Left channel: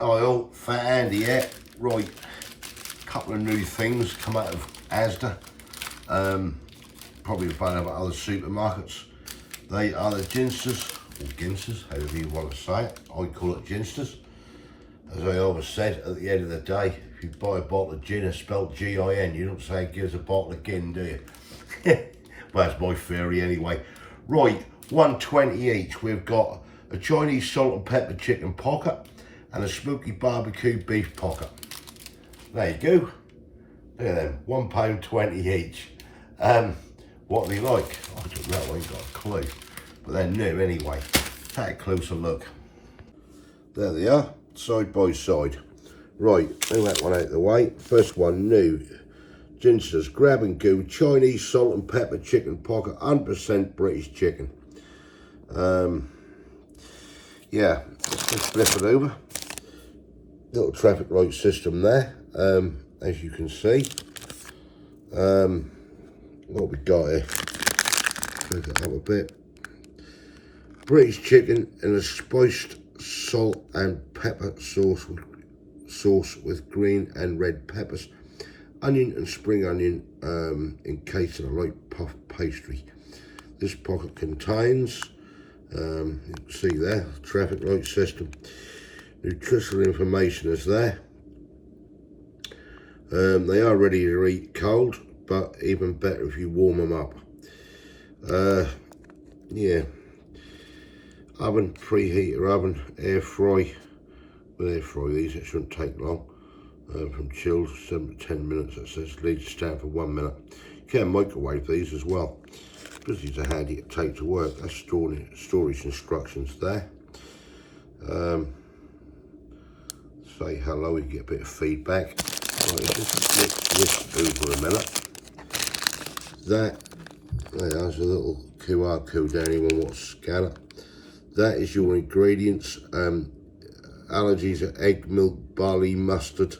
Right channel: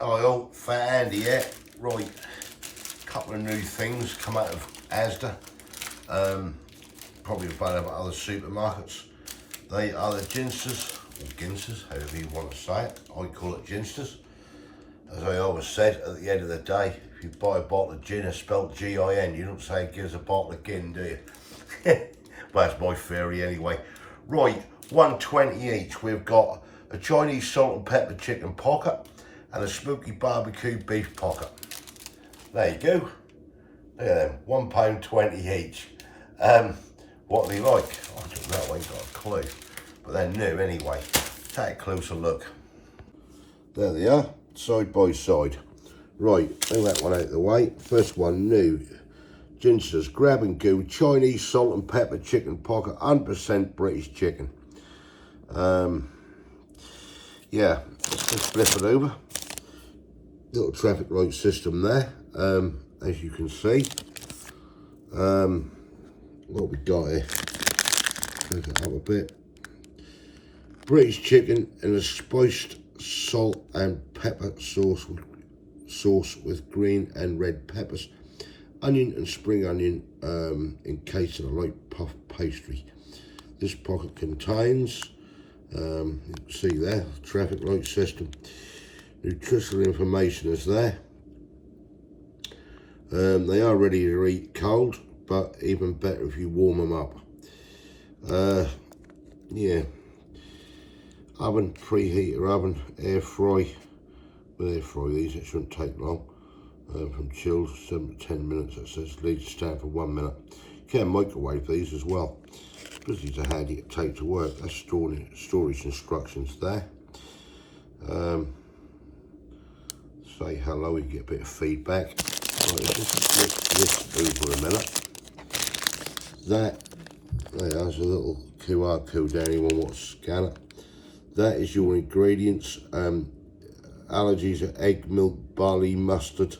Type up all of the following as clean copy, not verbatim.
oil, fat Andy, yeah. Right, couple of new things come out of Asda. Probably available at other supermarkets. They are the Ginsters, or Ginsters, however you want to say it. I call it Ginsters. As I always said, at the end of the day, if you buy a bottle of gin, it's spelled G-I-N. You don't say give us a bottle of gin, do you? Well, that's my theory anyway. Right, 120 each. We've got a Chinese salt and pepper chicken pocket and a smoky barbecue beef pocket. There you go. Look at them, £1.20 each. What are they like? I don't know, I ain't got a clue. But they're new anyway. Take a closer look. There they are, side by side. Right, bring that one out of the way. First one, new. Ginsters Grab and Go Chinese salt and pepper chicken pocket, 100% British chicken. Yeah, let's flip it over. Little traffic light system there, as you can see. What we got here? Flip it up a bit. British chicken in a spiced salt and pepper sauce with green and red peppers, onion and spring onion encased in a light puff pastry. This pocket contains, you can see there, traffic light system. Nutritional information is there. They are ready to eat cold, but even better if you warm them up. Yeah, oven, preheater oven, air fry. With air fry these, it shouldn't take long. From chilled 7 to 10 minutes, it says leave to stand for 1 minute. You can microwave these as well, because these are handy to take to work. That's storage instructions there. Say hello, you get a bit of feedback. Right, let's flip this over a minute. There's a little QR code there, anyone wants to scan it. That is your ingredients. Allergies are egg, milk, barley, mustard.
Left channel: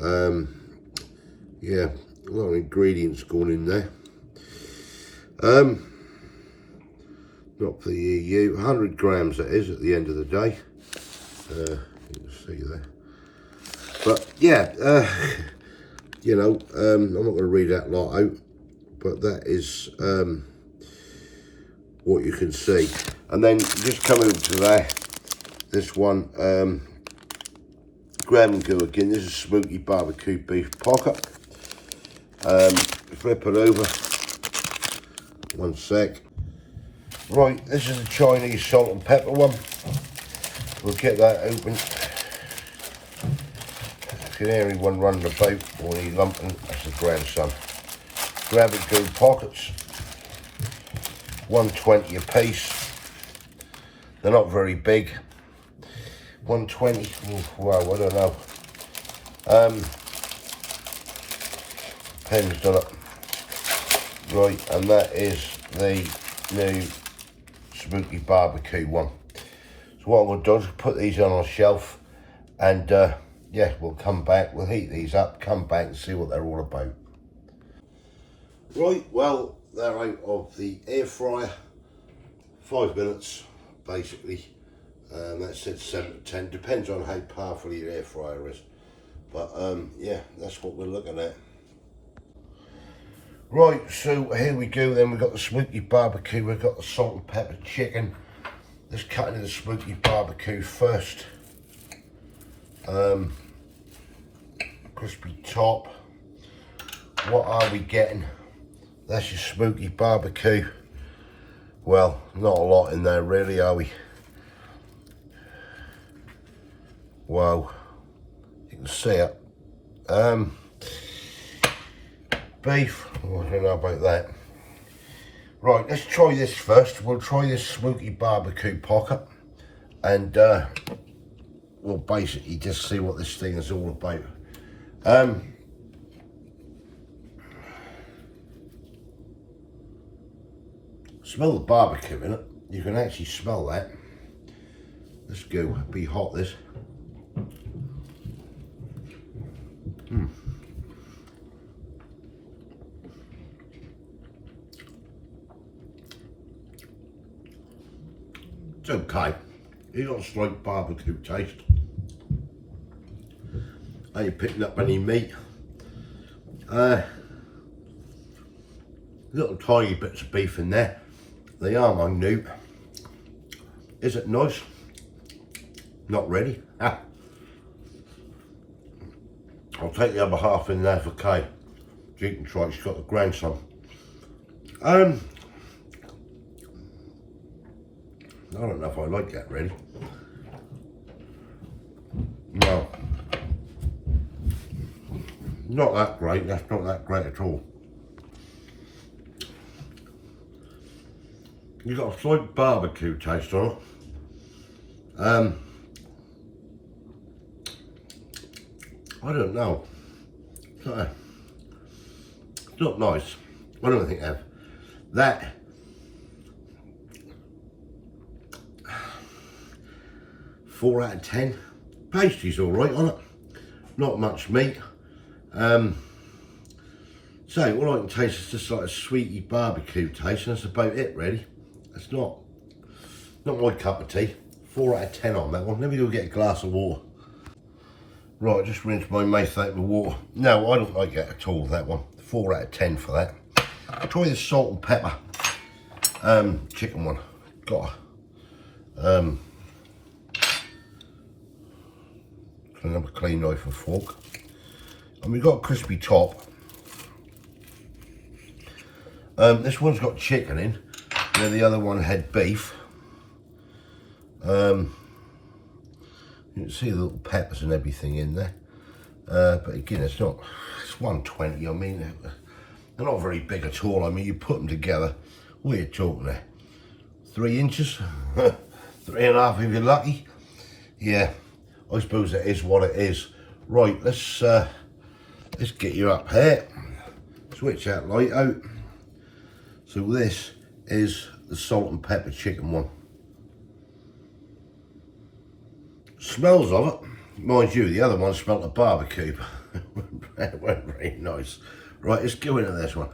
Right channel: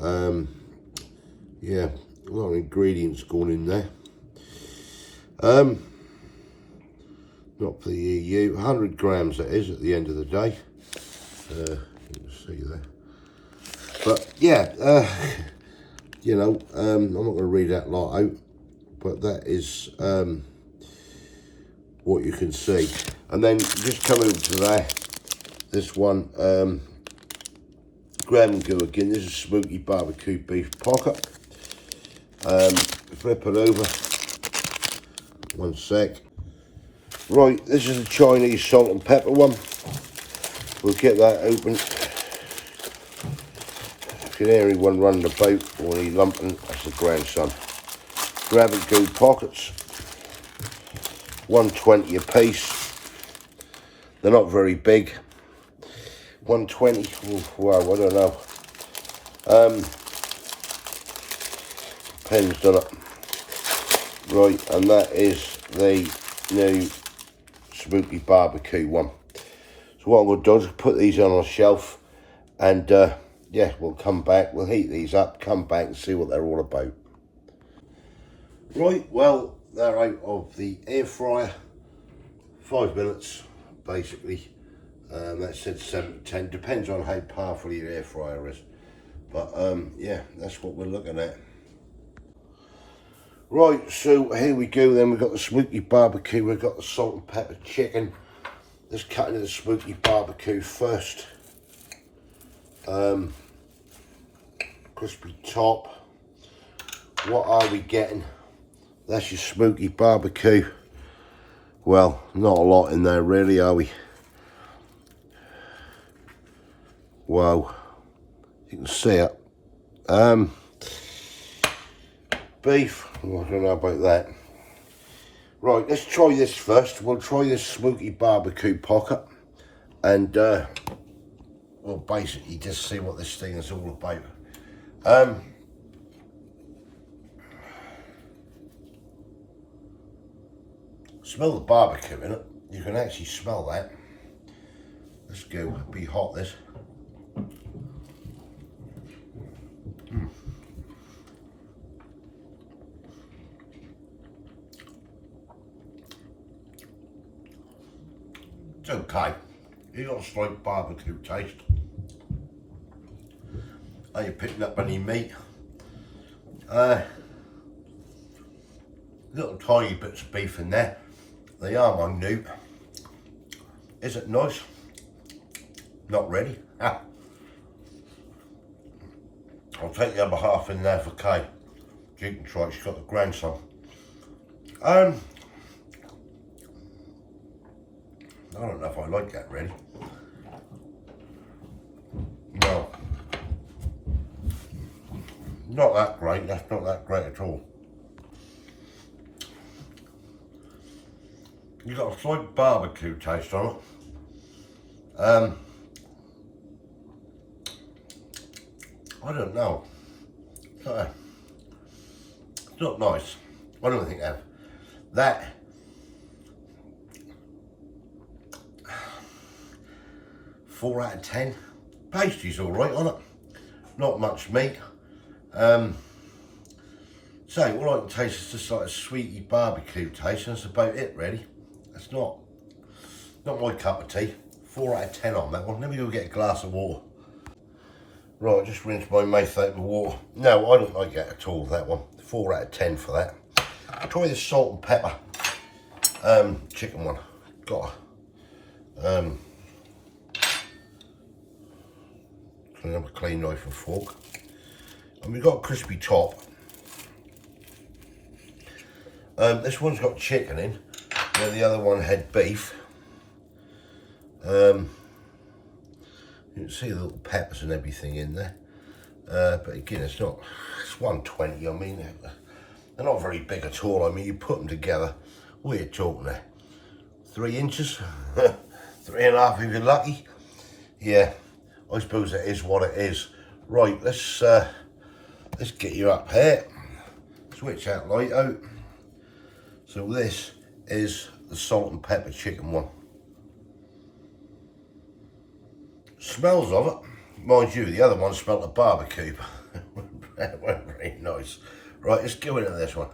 Yeah, a lot of ingredients going in there. Not for the EU, 100 grams that is at the end of the day. You can see there. But yeah, you know, I'm not going to read that lot out, but that is what you can see. And then just come over to there, this one, Grab and Go again. This is smoky barbecue beef pocket. Flip it over, 1 sec. Right, this is a Chinese salt and pepper one. We'll get that open. You can hear anyone running about or any lumping, that's the grandson. Grab and Go pockets, 120 a piece. They're not very big. 120, wow, I don't know. Pen's done it. Right, and that is the new smoky barbecue one. So what we'll do is put these on a shelf, and yeah, we'll come back, we'll heat these up, come back and see what they're all about. Right, well, they're out of the air fryer, 5 minutes basically. That said 7 to 10, depends on how powerful your air fryer is. But yeah, that's what we're looking at. Right, so here we go then. We've got the smoky barbecue, we've got the salt and pepper chicken. Let's cut into the smoky barbecue first. Crispy top. What are we getting? That's your smoky barbecue. Well, not a lot in there really, are we? Wow, you can see it. Beef, oh, I don't know about that. Right, let's try this first. We'll try this smoky barbecue pocket, and we'll basically just see what this thing is all about. Smell the barbecue in it. You can actually smell that. Let's go, be hot this. It's okay. It's got a slight barbecue taste. Are you picking up any meat? Little tiny bits of beef in there. They are minute. Is it nice? Not really. I'll take the other half in there for Kay. She can try it, she's got the grandson. I don't know if I like that really. No. Not that great, that's not that great at all. You got a slight barbecue taste on it. I don't know. It's not nice. I don't think that. 4 out of 10. Pastry's all right on it. Not much meat. So all I can taste is just like a sweety barbecue taste, and that's about it really. It's not my cup of tea. 4 out of 10 on that one. Let me go get a glass of water. Right, just rinse my mouth out with water. No, I don't like that at all, that one. 4 out of 10 for that. Try the salt and pepper chicken one. Got another clean knife and fork. And we've got a crispy top. This one's got chicken in, where the other one had beef. You can see the little peppers and everything in there. But again, it's 120. I mean, they're not very big at all. I mean, you put them together, what are you talking there? 3 inches? 3.5 if you're lucky. Yeah, I suppose it is what it is. Right, let's get you up here. Switch that light out. So this is the salt and pepper chicken one. Smells of it, mind you, the other one smelled of barbecue. It wasn't very nice. Right, let's go into this one.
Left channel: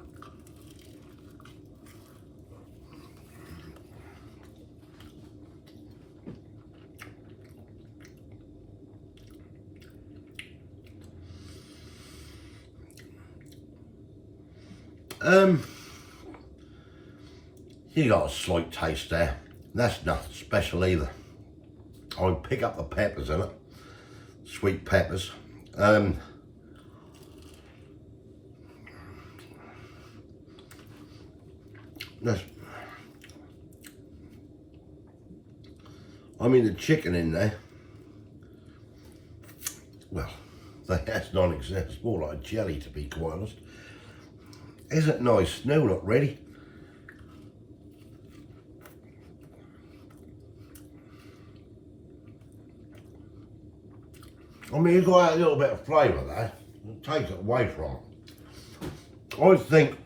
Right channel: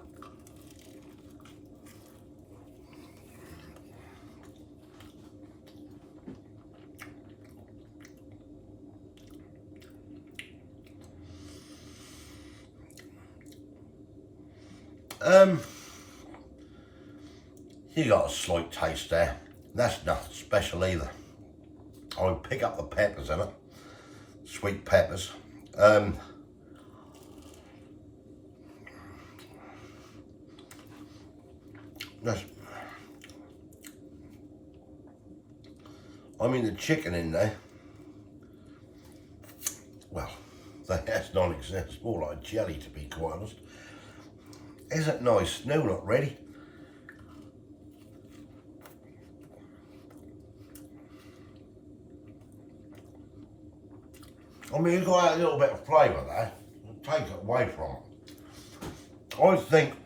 You got a slight taste there. That's nothing special either. I'll pick up the peppers in it, sweet peppers. I mean the chicken in there, well, that's non-existent. It's more like jelly, to be quite honest. Is it nice? No, not really. I mean, you've got a little bit of flavour there. It takes it away from it. I think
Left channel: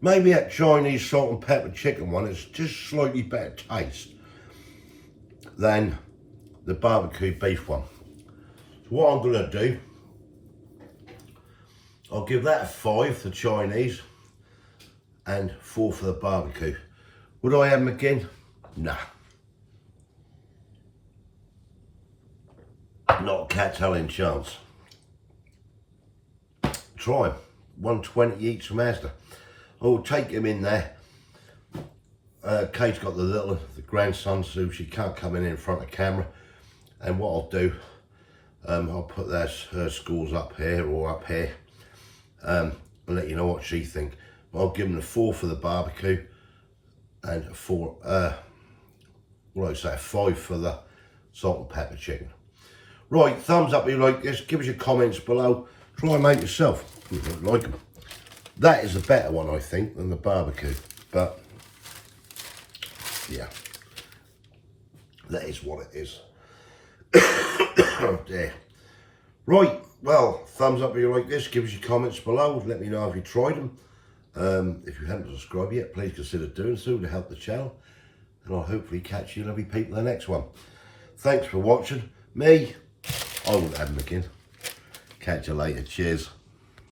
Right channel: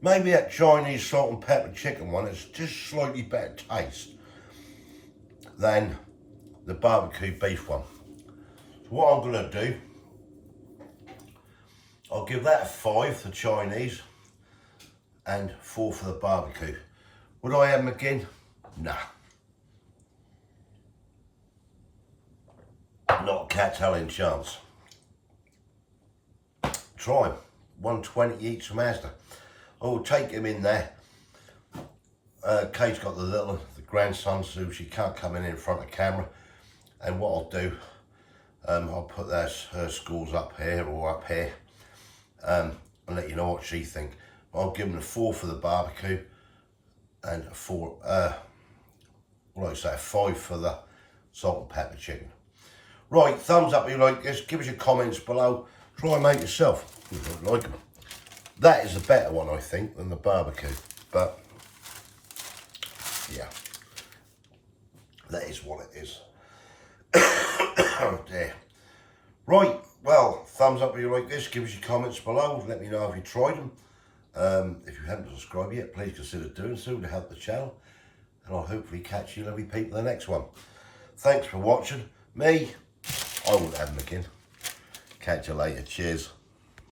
maybe that Chinese salt and pepper chicken one is just slightly better taste than the barbecue beef one. So what I'm going to do, I'll give that a 5 for Chinese and 4 for the barbecue. Would I have them again? Nah. Not a cat telling chance. Try them. 120 each from Asda. I will take him in there. Kate's got the grandson, so she can't come in front of camera. And what I'll do, I'll put her schools up here or up here, and let you know what she thinks. I'll give them a 4 for the barbecue and a 5 for the salt and pepper chicken. Right, thumbs up if you like this, give us your comments below, try and make yourself if you don't like them. That is a better one, I think, than the barbecue, but yeah, that is what it is. Oh dear. Right, well, thumbs up if you like this, give us your comments below, let me know if you tried them. If you haven't subscribed yet, please consider doing so to help the channel, and I'll hopefully catch you lovely people in the next one. Thanks for watching. Me, I won't have them again. Catch you later. Cheers.